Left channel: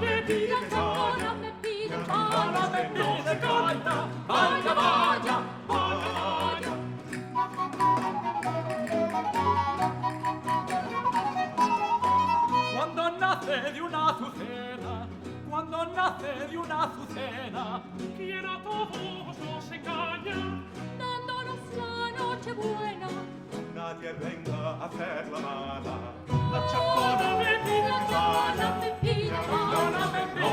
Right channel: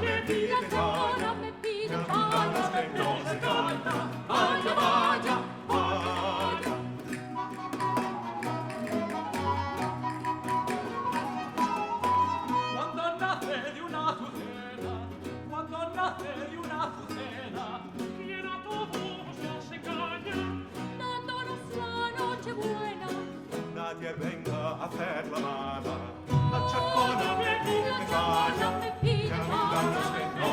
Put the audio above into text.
me pide chacona, me pide vaya, no se canta, vaya, vaya, vaya. Cuando nace de una azucena, cuando nace de una azucena, quiera a todos nos engaña, dándonos la noche buena. Nadie venga a hacer la mala. La chacona me pide vaya, no